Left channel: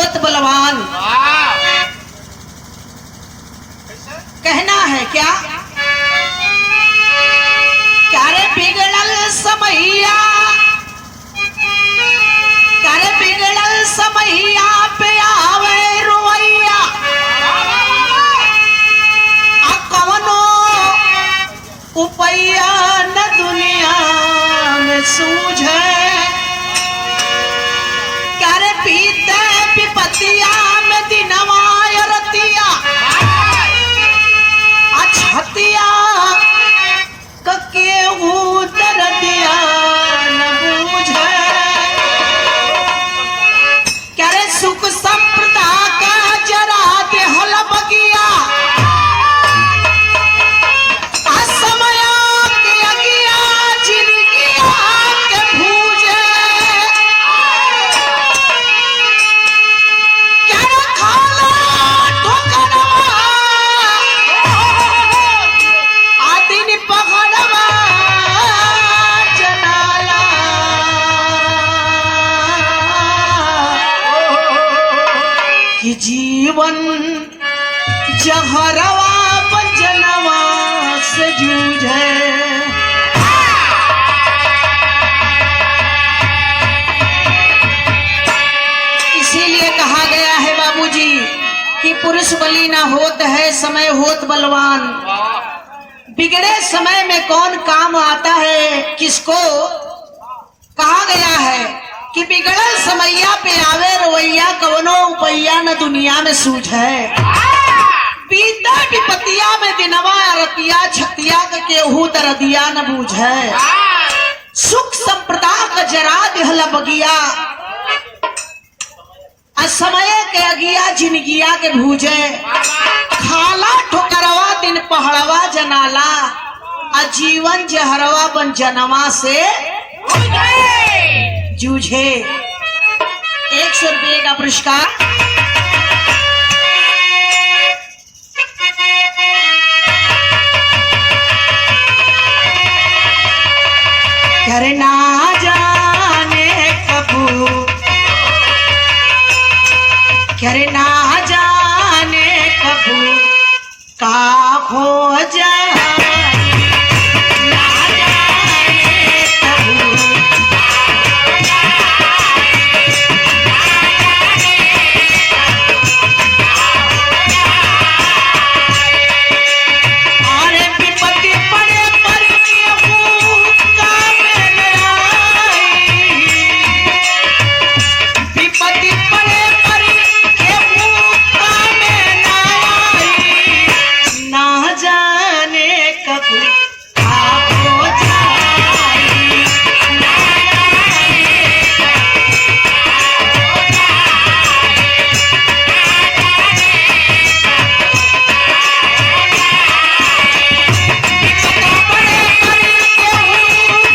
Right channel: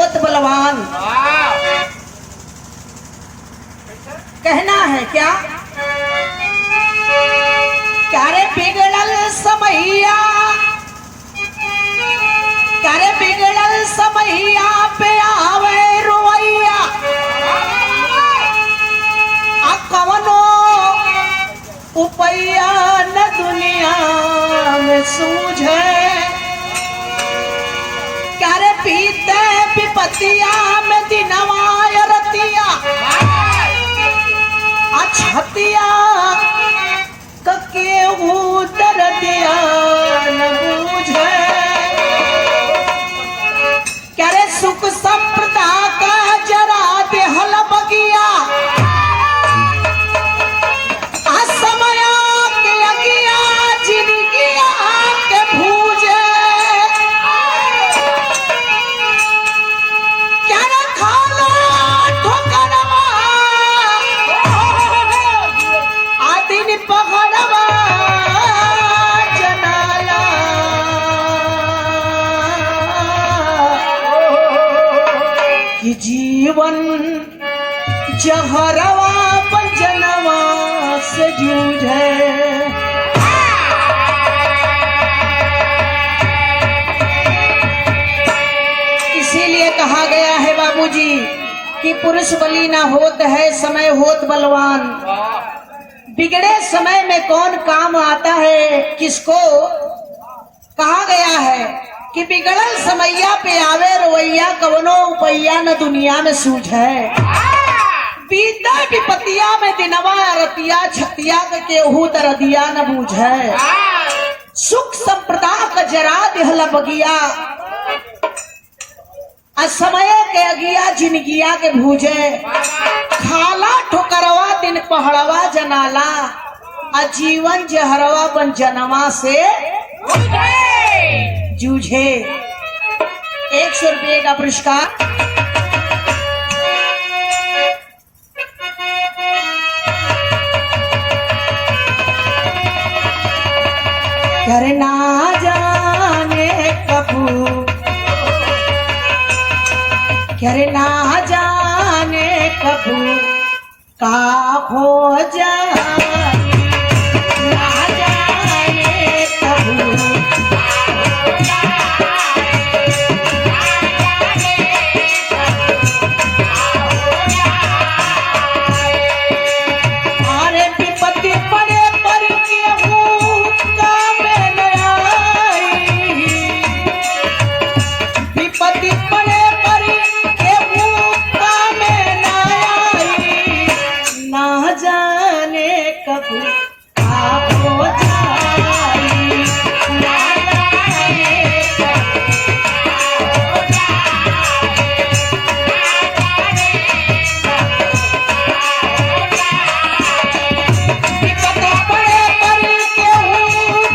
होत बलवान। कहना है क्या, क्या रे बिगड़ल समैया, क्या रे बिगड़ल समैया पे आवे रुवैया, आ कवनो उपैया न दुनिया में सूझे, क्या रे पीते विपतिया में दिनवा रतिया, छतिया केहू दर्दिया न बूझे, क्या रे सुख संपदा का जरा देहल बगिया, असमया के अगिया जिंदगिया के भूजे, क्या रे खाला ठोकरवा आदिन पकड़वा जनाला, कि जीवन जहरवा बंजनवा से जूझे। इसीलिए कहा गया है बाबूजी कि पुरुष बली ना होत है समय होत बलवान। बिगड़े समय में कौन काम आता है किसको, कहा गया है कि बिगड़ल समैया पे आवे रवैया कवनो उपैया न दुनिया में सूझे, बीता विपतिया में दिनवा रतिया छतिया केहू दर्दिया न बूझे, सुख संपदा का जरा देहला बगिया, असमय के अगिया जिनगिया के भूजे, खाला ठोकरवा दिन पहड़वा जनाला, आजीवन जहरवा बन जनवा से जूझे। 100 रुपये का पुरस्कार। करे ना जाने कबू, करे ना जाने कबू का हो जाए, ना जाने कबू अरे विपत्ति पड़े पर केहू कामे न आई, विपत्ति पड़े पर केहू कामे न आई, ना जाने कब हो जाई, ना विपत्ति पड़े पर केहू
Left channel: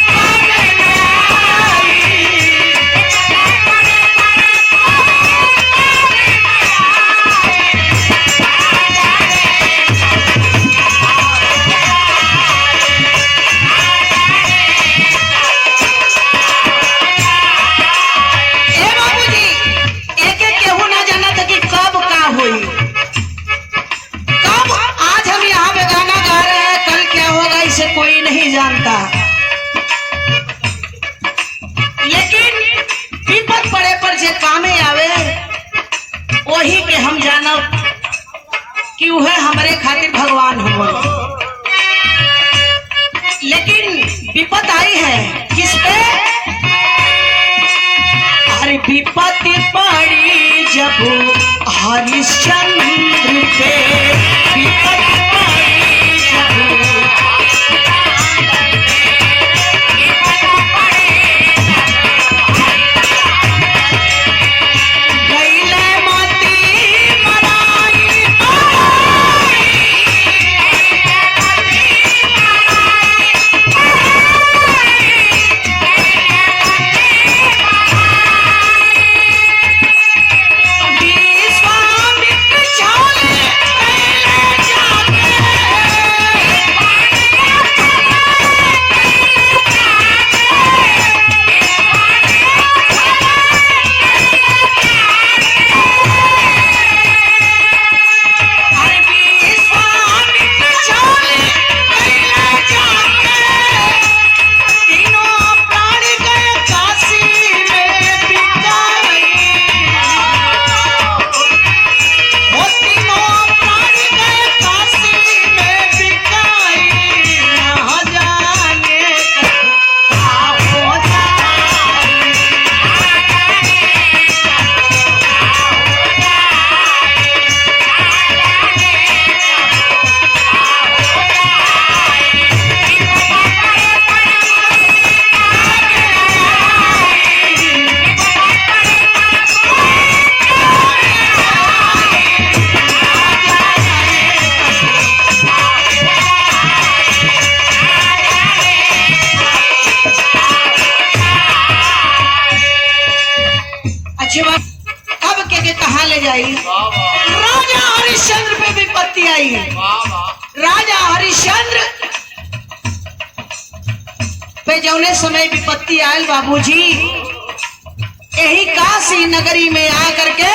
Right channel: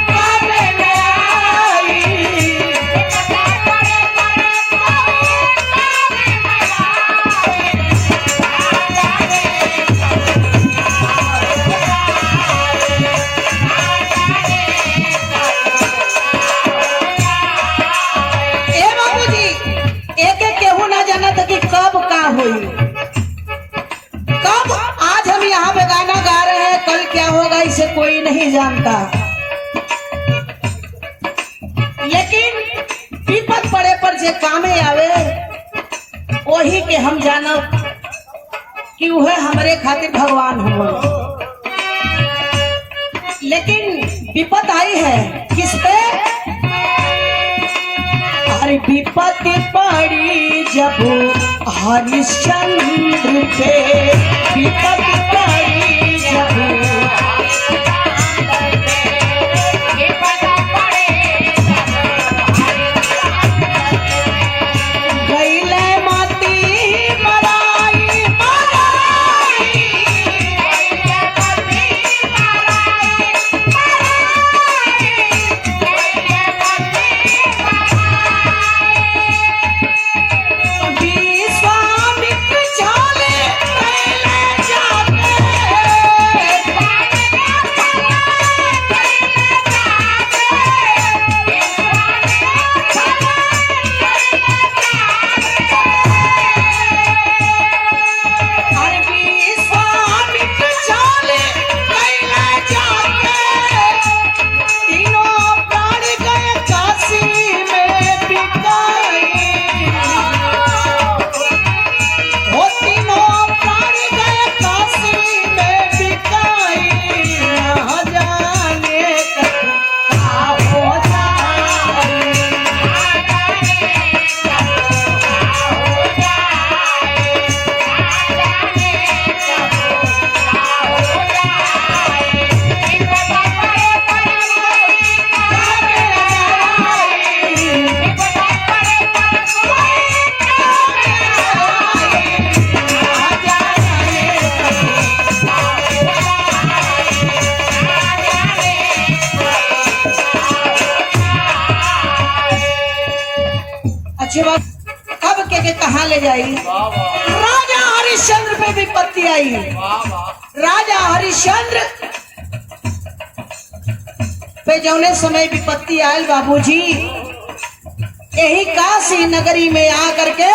कामे न आई, ए बाबूजी एक एक केहू ना जाना था कि कब का हुई, कब आज हम यहाँ पे गाना गा रहे हैं कल क्या होगा इसे कोई नहीं जानता, लेकिन विपद पड़े पर जे कामे आवे वही के हम जानब कि वह हमारे खातिर भगवान हो। लेकिन विपद आई है किस पे, अरे विपत्ति पड़ी जब हरिश्चंद्र पे, विपत्ति पड़ी जब गईले माती मराई, विश्वामित्र चाले कैले जाते जब अब के कहा ले जाई। राजा हरिश्चंद्र पे विपत्ति आई। राजा हरिश्चंद्र पे जौने समय विपत्ति आयल बाबूजी, यही काशी नगरी में आकर के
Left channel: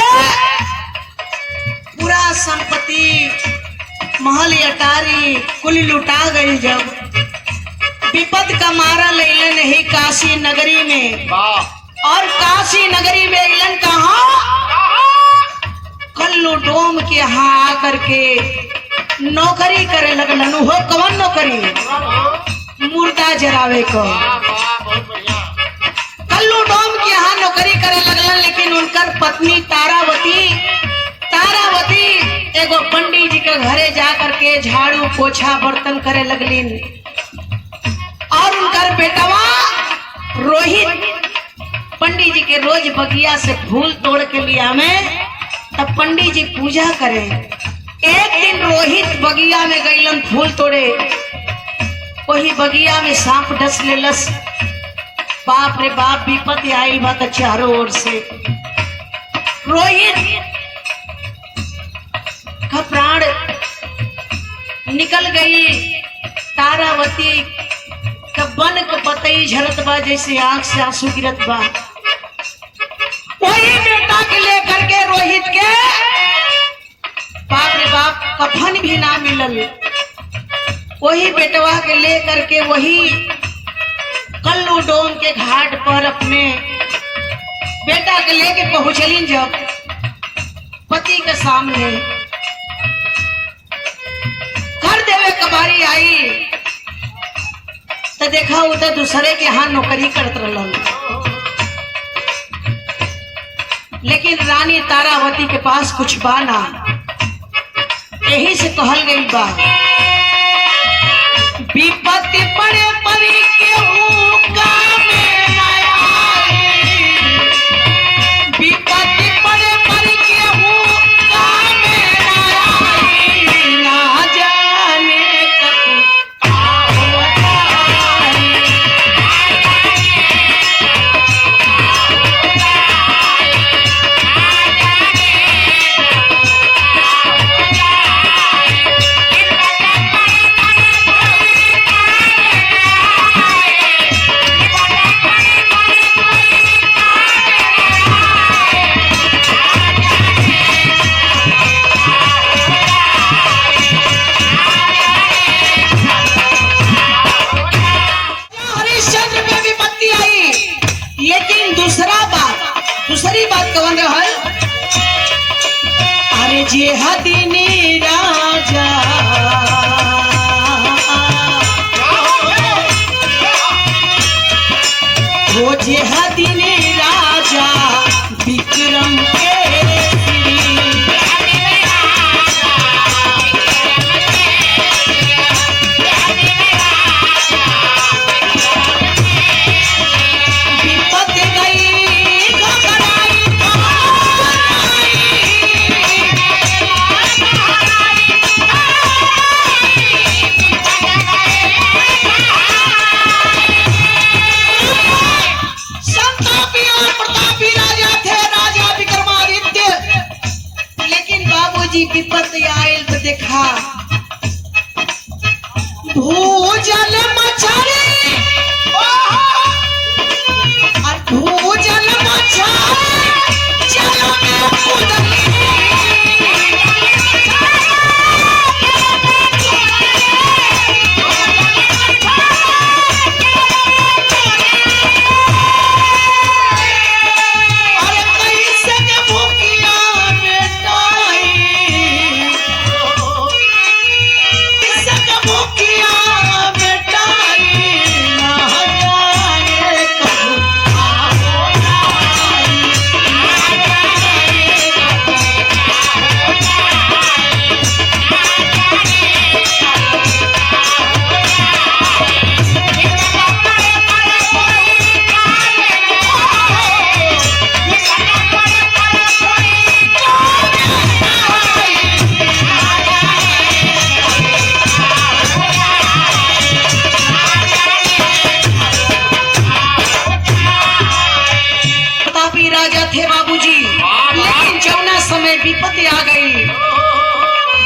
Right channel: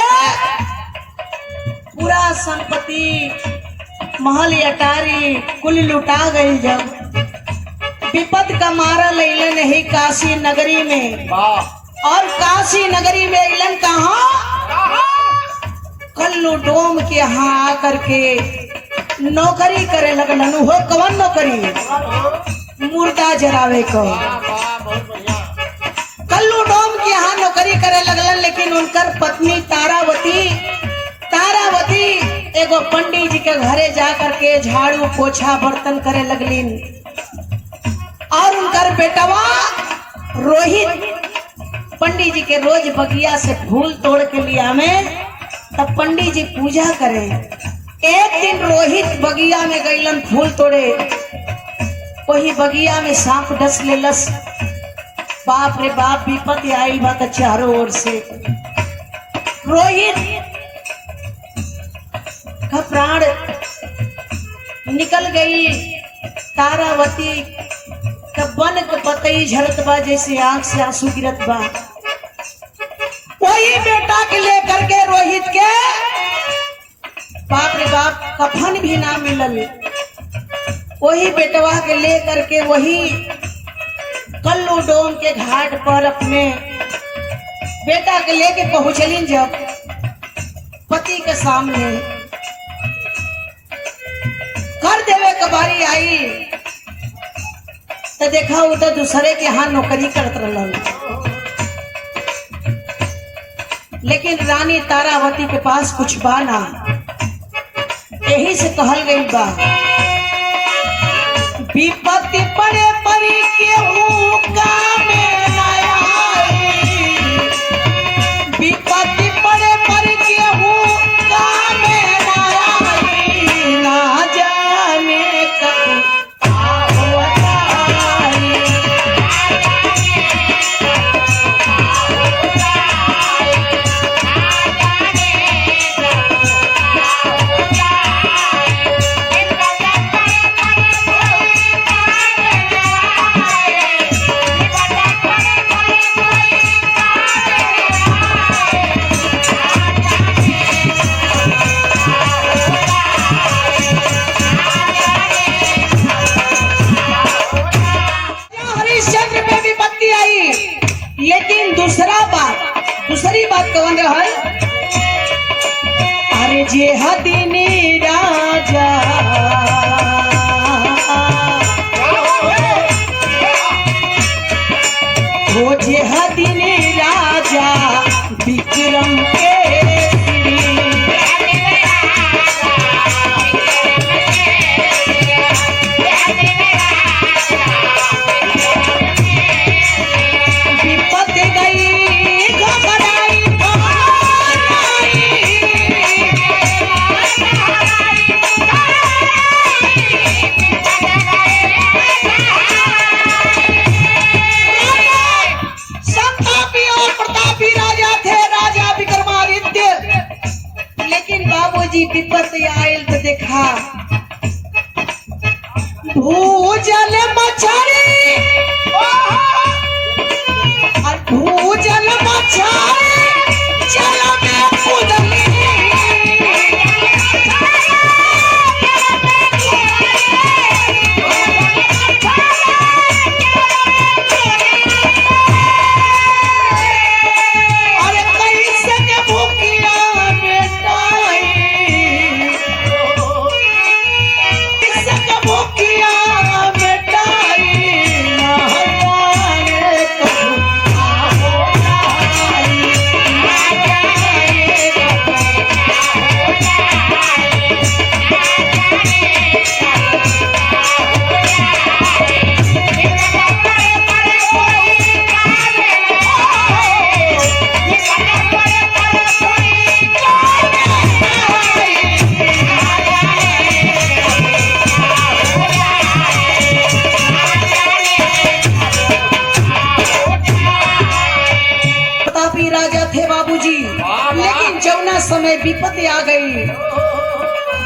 पूरा संपत्ति महल अटारी कुल लुटा गई। जब विपद का मारा लेलन यही काशी नगरी में, और काशी नगरी में इलन कहा कल्लू डोम के यहाँ आकर के नौकरी करे लगलन। हो कौन नौकरी? मुर्दा जरावे को। कल्लू डोम के यहाँ नौकरी करे लगलन, लेकिन उनकर पत्नी तारावती एगो पंडित जी के घरे जाकर के झाड़ू पोछा बर्तन करे लगलिन। और उनकर बेटवा रोहित पंडित जी के रोज बगिया से फूल तोड़ के लिया में, तब पंडित जी पूजा करें। एक दिन रोहित बगिया में गईलन फूल तोड़े, वही बगिया में सांप डस लेलस। बाप रे बाप, विपत्ति आई बा तो चारों ओर से। रोहित का प्राण निकल गई। तारावती का बन के पतई झरत बा, जैसे आंख से आंसू गिरत बा। वही बेटा के लेकर के रोहित के बाप रे बाप कफन भी ना मिलल। वही बेटवा के लेकर के वही कल्लू डोम के घाट पर अपने बेटा के लेके पहुंचलिन। जब पति के सामने कर देवे कबारी आई तो देखा उधर दूसरे के यहाँ नौकरी करत रहलन। लेकिन रानी तारावती के पास कुछ बा ना, यही से कहल गई बा विपत्ति पड़े परी केहू कामे ना आई। विपत्ति पड़े परी केहू कामे ना आई। ना जाने कब दूसरी बात कौन है? अरे जे हदीनी राजा वो जे हदीनी राजा विक्रम के विपत्ति आयल तो देखा भूजल मछली और भूजल मछली जल में कूदली। अरे कैसे के भूखिया बेटा समय विपत्ति आ गई,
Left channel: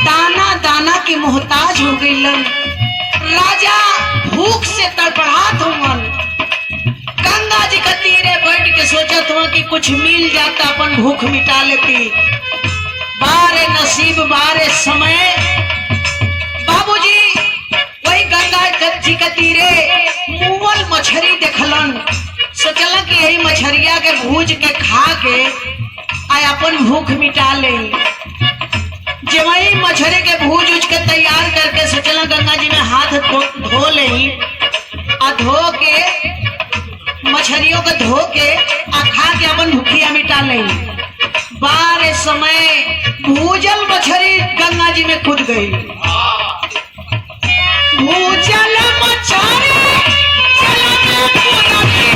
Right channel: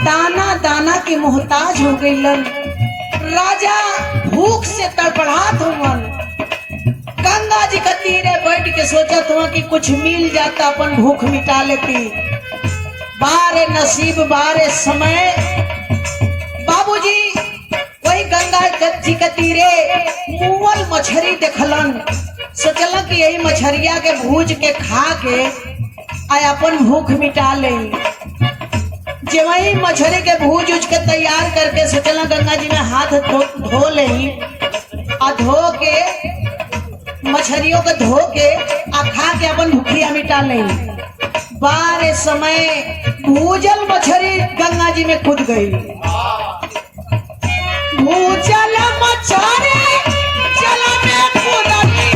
दाना दाना की मोहताज हो गई लन। राजा भूख से तड़पड़ात हुआ, गंगा जी के तीरे बैठ के सोचत हुआ कि कुछ मिल जाता अपन भूख मिटा लेती। बारे नसीब बारे समय बाबूजी वही गंगा जी के तीरे मुअल मछली देखलन, सोचलन कि यही मछरिया के भूज के खा के आ अपन भूख मिटा ले। जब वही मछली के भूज उज के तैयार करके सोचलन गंगा जी में हाथ धो ले, आ धो के मछलियों को धो के आ खा के अपन भूखिया मिटा ले। बारे समय भूजल मछली गंगा जी में कूद गई। भूजल मछली जल में कूद गई।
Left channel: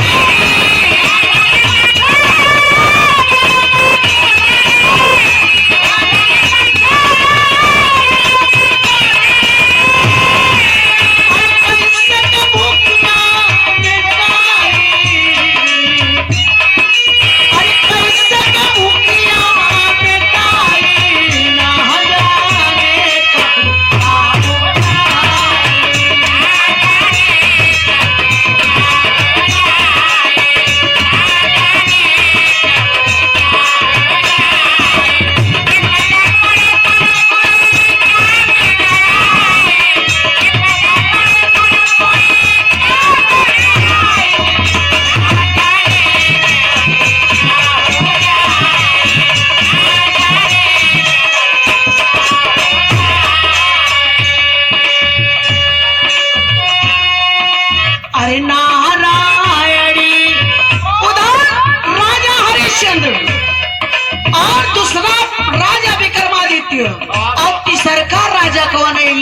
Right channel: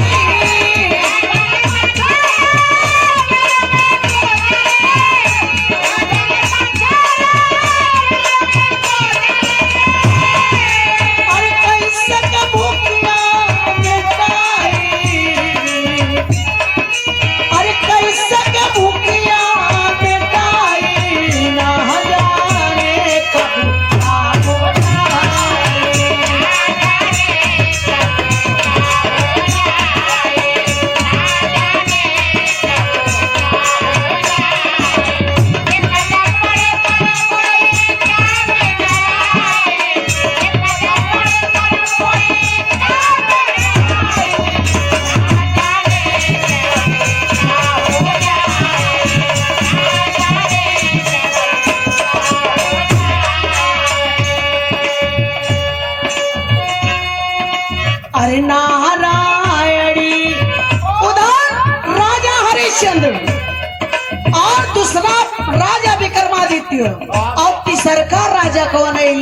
और दूसरा राजा विक्रमादित्य और तीसरका राजा कौन है?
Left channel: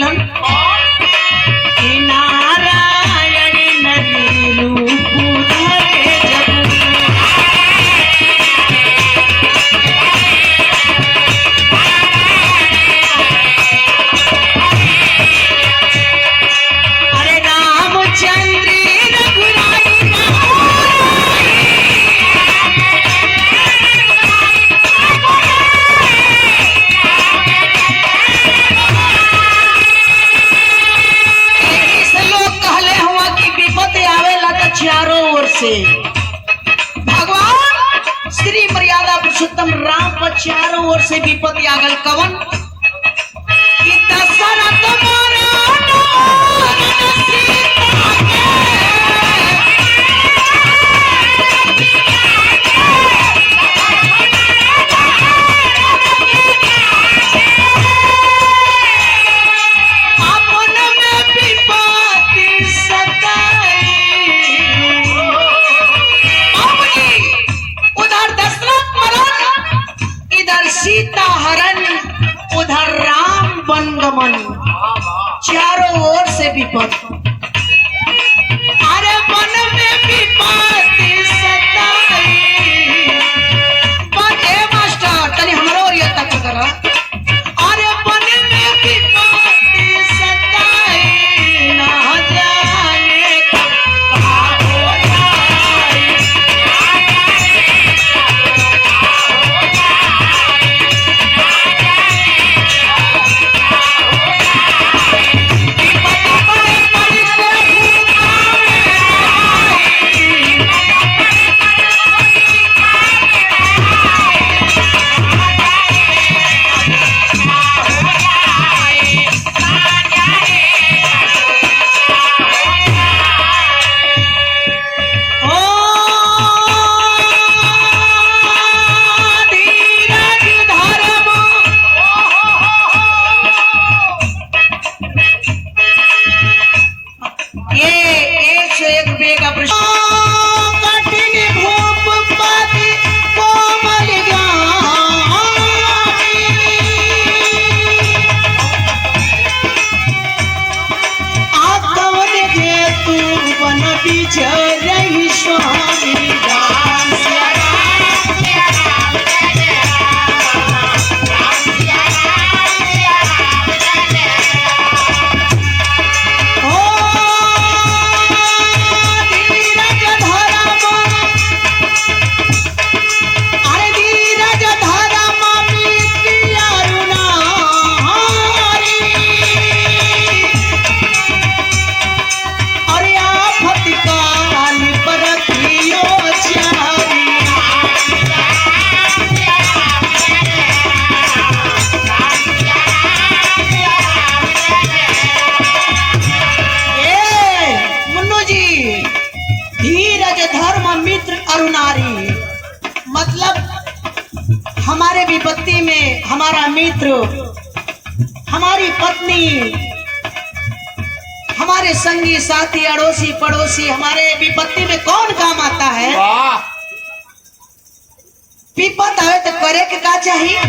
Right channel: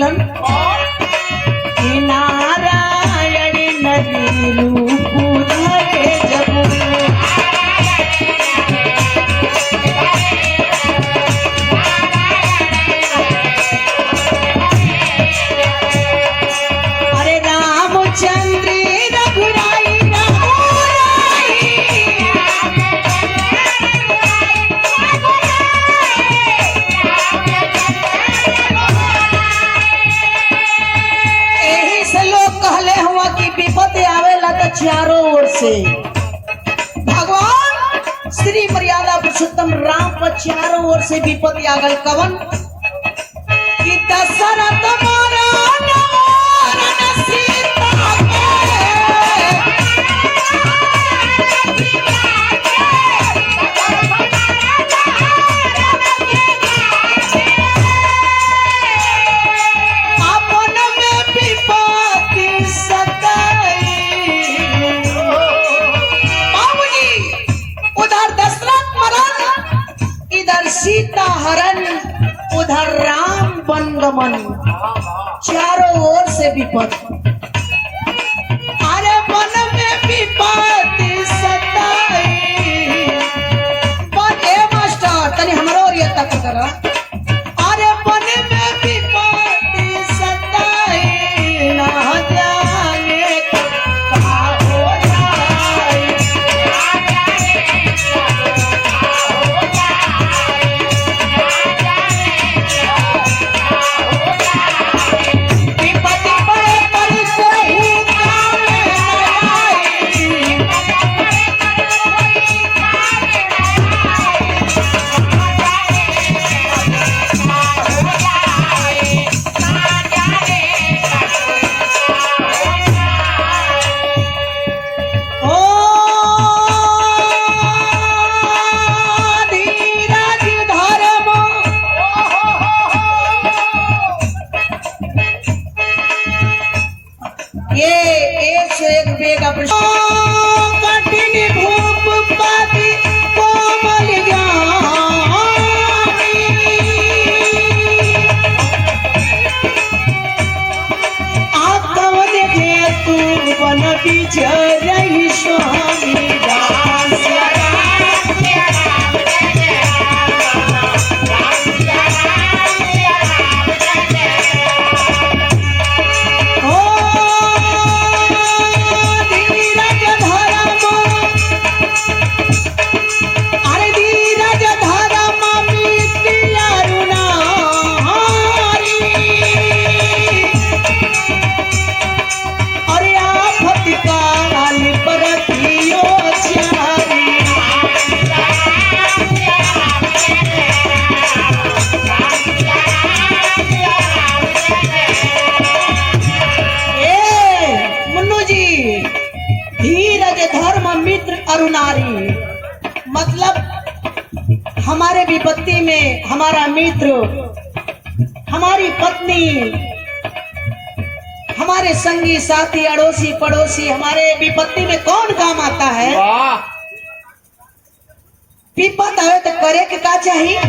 नारायण नदी रूप धरे जगु। अरे रामचंद्र रघुराई चारों ओर से भगवान श्री मर्यादा पुरुषोत्तम राम पर चारों ओर से विपत्ति आ गई। कवन कि दशरथ सीता हरण, उधर राम वनगमन, चारों ओर से विपत्ति। अरे वन में विपत्ति सताई। मास्टर तनी हमारा और ये तक करा। अरे वन में विपत्ति सताई, ना जाने कहाँ हो जाए। ये 101 बेगा कठिन भूप पाती कोमल आकवन के तू बन बिचरहि स्वामी धीरज धर शत्रु नारी, मतलब हमारे विपत्ति में हमारा मित्र, हमारी पत्नी, हमारे संगी साथी, अड़ोसी पड़ोसी, हमारे विपत्ति में कौन काम आता है? विपत आवे तो करे के का चाहिए?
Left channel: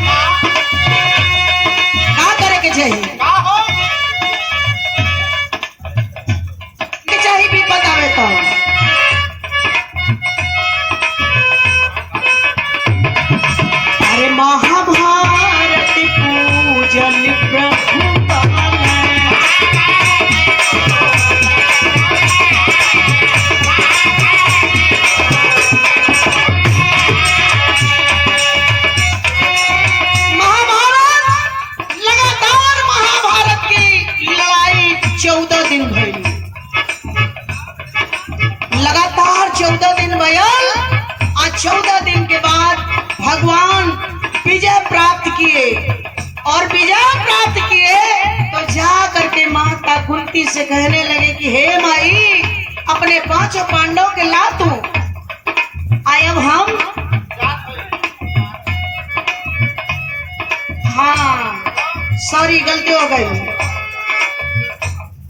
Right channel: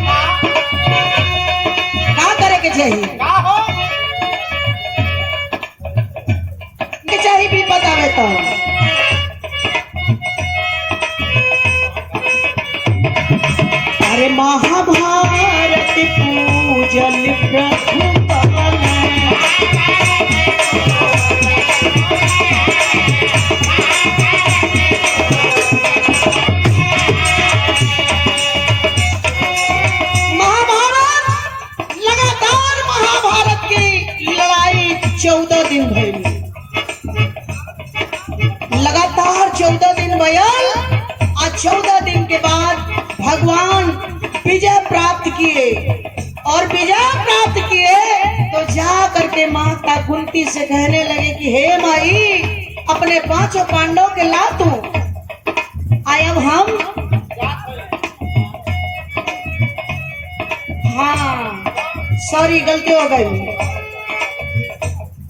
का करे के चाहिए? के चाहिए विपत आवे तो अरे महाभारत पूजन प्रभु लगातार 14 दिन भयल। आज 14 दिन के बाद भगवान विजय प्राप्त किए, और विजय प्राप्त किए तो जा करके माता कुंती से कहने लगे कि हे माई, अपने 5 पांडव के ला तू। आए अब हम, हाँ सॉरी गलती हो गई।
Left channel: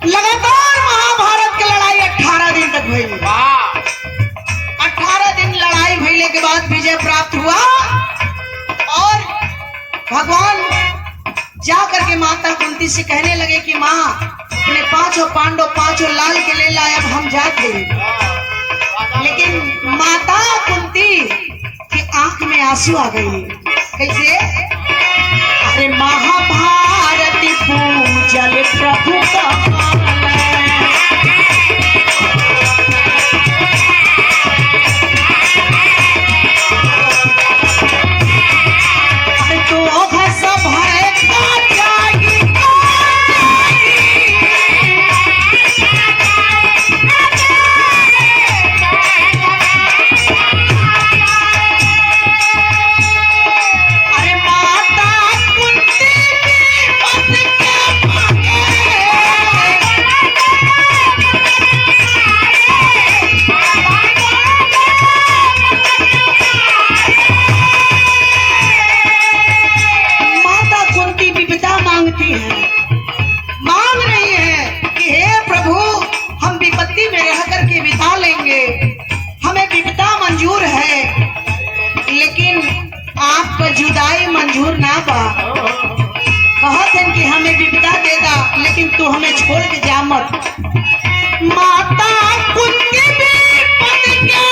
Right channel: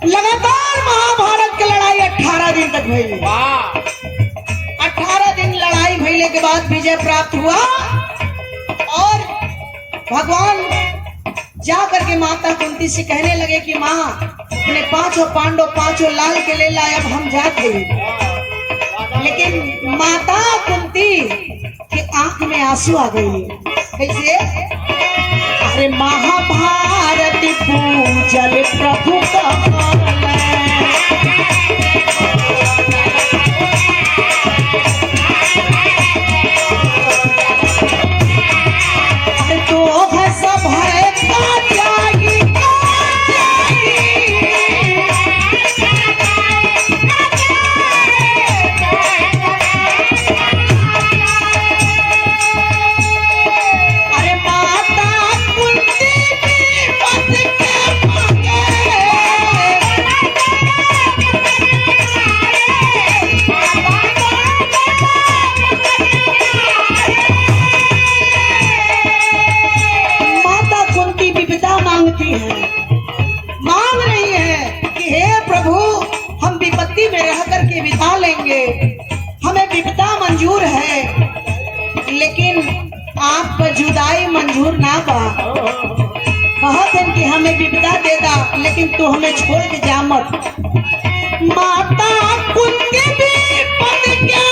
लगातार महाभारत की लड़ाई 18 दिन तक भई। 18 दिन लड़ाई भइले के बाद विजय प्राप्त हुआ, और भगवान जा करके माता कुंती से कहने लगे कि माँ, अपने 5 पांडव 5 लाल के ले लाए, अब हम जाते। लेकिन माता कुंती की आंख में आंसू आ गई। कैसे? अरे महाभारत पूजल प्रभु का, मांग रही है कि हे प्रभु, हम विपत्ति में रह करके बिता लेंगे, हमें विपदा मंजूर है, लेकिन आपको जुदाई मंजूर ना बा। कहत हैं कि हमें विपदा दे दा, लेकिन तू हमें छोड़ के जा मत। माता कुंती भी पद क्या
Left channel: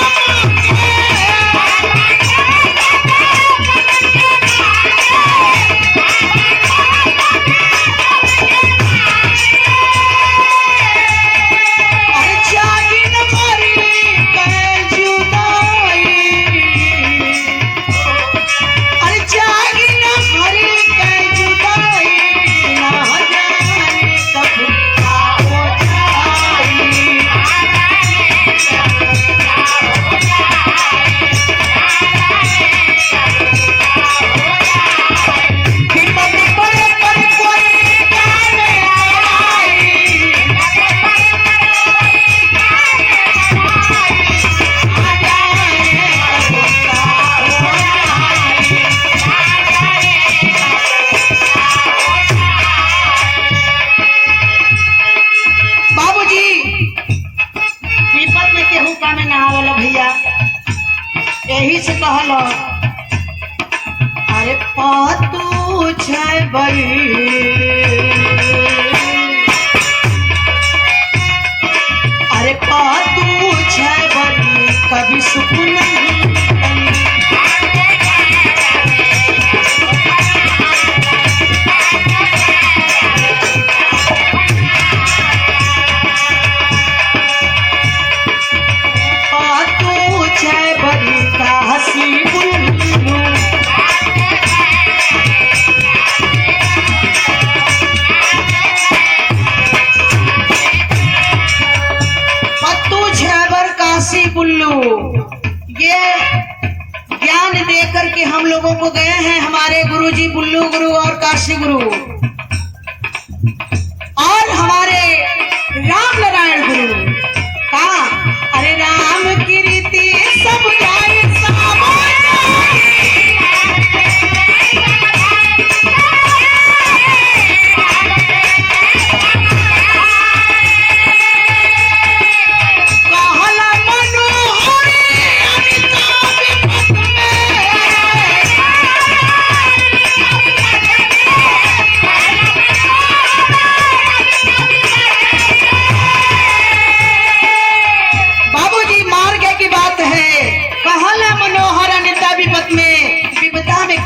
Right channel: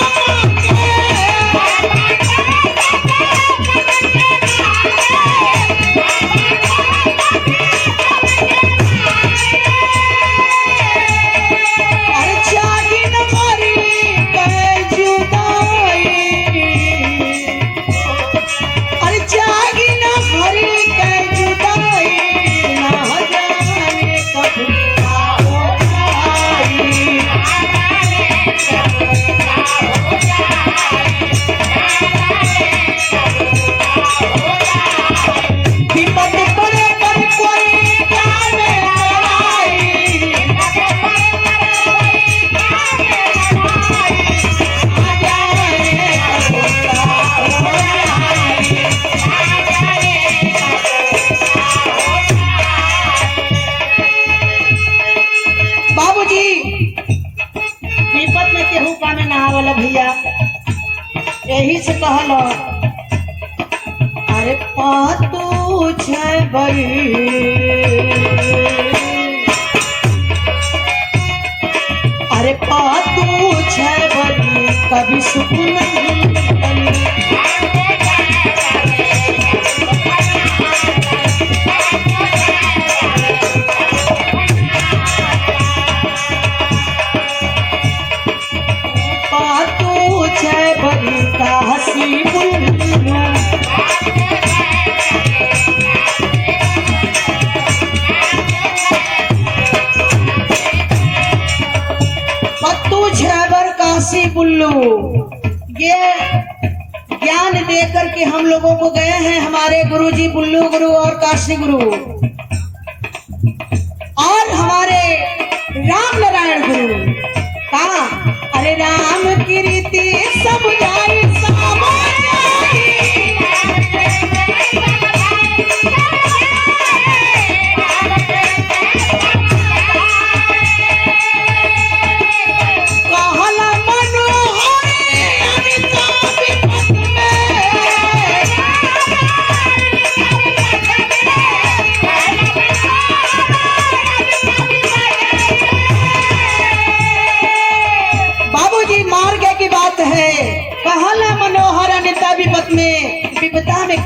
यही से कहल। अरे पातू छै बई, अरे पातू छै बई, कभी सुकून नहीं। पातू छै बई का हसी बुल्लू, बुल्लू। ये ज्ञान देकर के हम लोगों को गए हैं हमारे गुरुजी बुल्लू गुरु और काशी गुरु, और हमारे राम नारायण गुरु। कहा अरे राम की रीति सब जाए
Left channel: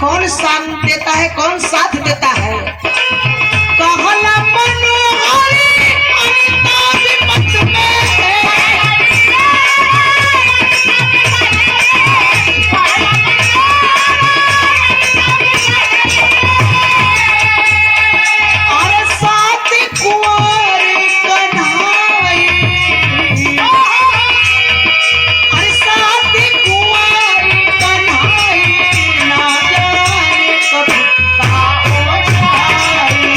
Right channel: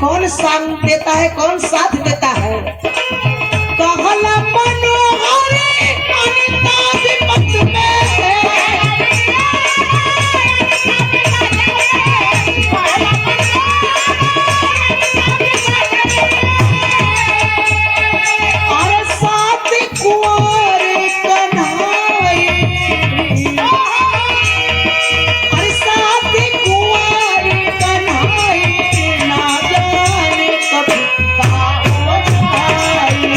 कौन साथ देता है, कौन साथ देता है। कहला मनोहर अनिता विपत में है। अरे साथ कुंवर कन्हाई, अरे साथ कुंवर कन्हाई, ना जाने कब का हो जाई।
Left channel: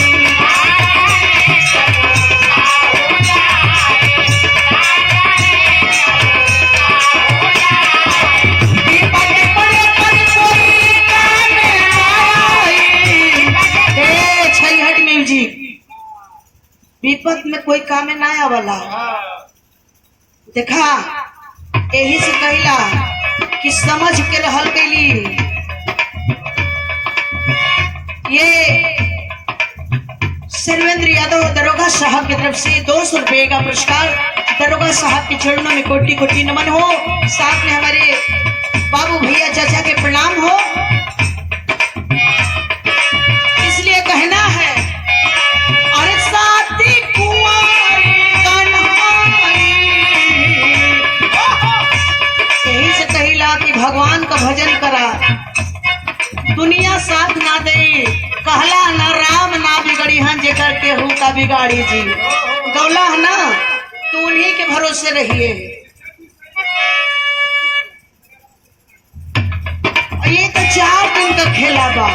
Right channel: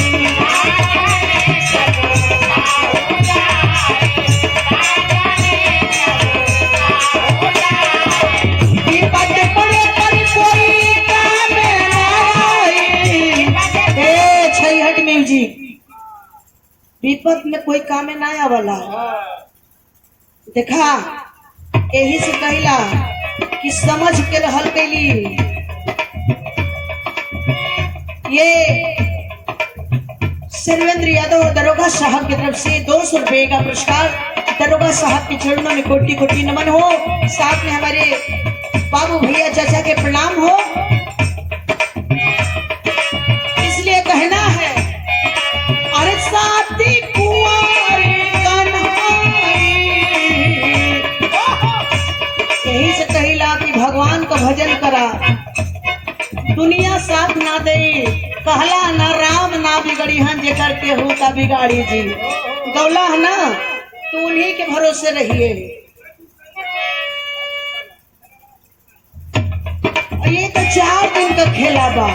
विपत पड़े पर कोई काम ना आई। ए छैहट म्यूजिक, विपत में कोई काम ना आवला। देखा यही से कहिला कि समझ के रहल गईली। ये सर्वेंद्र यादव दरोगा साहब की तरफ से 200 रुपए का पुरस्कार। दरोगा साहब के चरणों में कोटि कोटि नमन हो। साथ में हमारे बाबू भैया चाचा के प्रणाम हो। इसलिए कहना है, अरे साथी कुंवर कन्हाई। यही से कहिला कि भगवान का भजन करा, दुनिया साथ ना दे। कहला ना राम ना बिगड़ी हन जेकर केहू का बिगाड़ी जी। गौला है ना, तो उन्हीं के भरोसे रहिए। ये तो 4 दिन का खेला बा।